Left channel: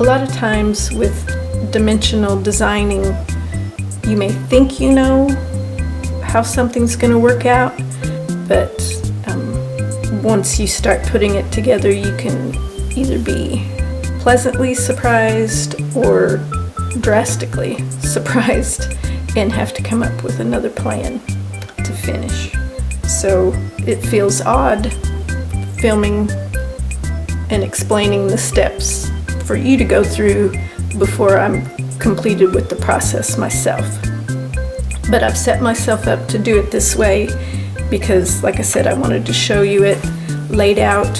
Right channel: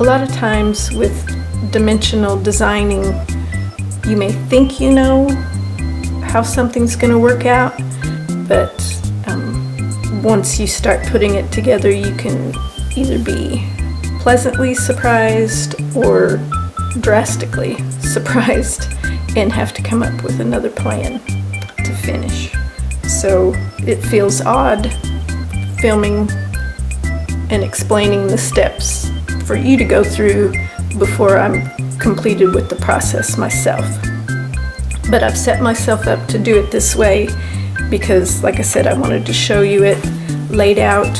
A lot of times with dimensional designing, you may think you know how something's going to work out, but once you start putting it together, you can either be pleasantly surprised or drastically surprised and have to come up with another plan to finish. So it feels odd filming and explaining the steps for you to go through before I'm completed with the process myself. But I've set myself up to do it this way because, like I said, I wanted to show you it laid out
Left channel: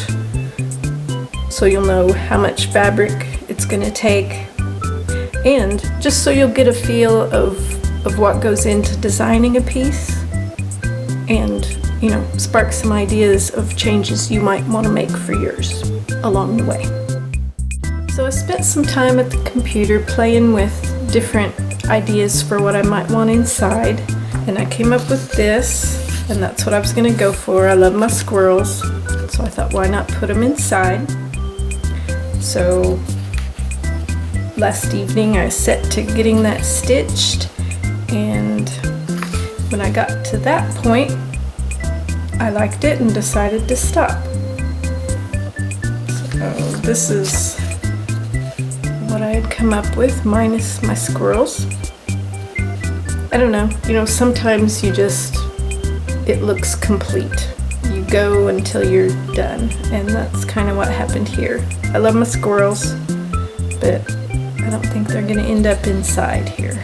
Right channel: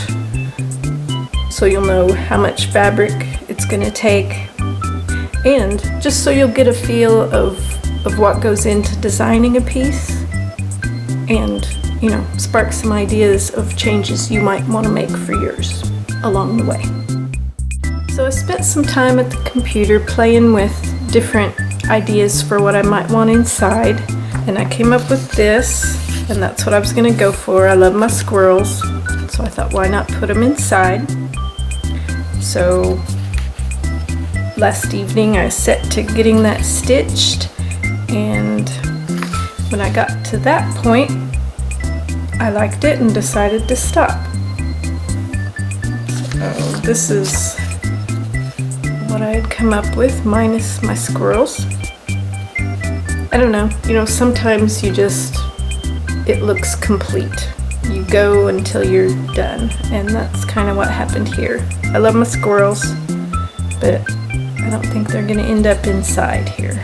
so you'll know how much fabric it's going to take, and just so you'll get a feel of what goes into designing a piece, and spark some ideas of changes you might want to make for yours along the way. So I spent some time at the computer playing with different ideas for what I might want inside, and I came up with this, and that's what I was going to go for. I love my squirrels, so I thought, why not put them inside? So last evening I set to getting that stitched, and when I got to that point I liked it and decided to stop. So this is what I had come up with minus my squirrels. I don't know, sometimes it looks complete. You go until you're done, and that's kind of what happened here. I love my squirrels, but I don't think they're gonna end up inside here.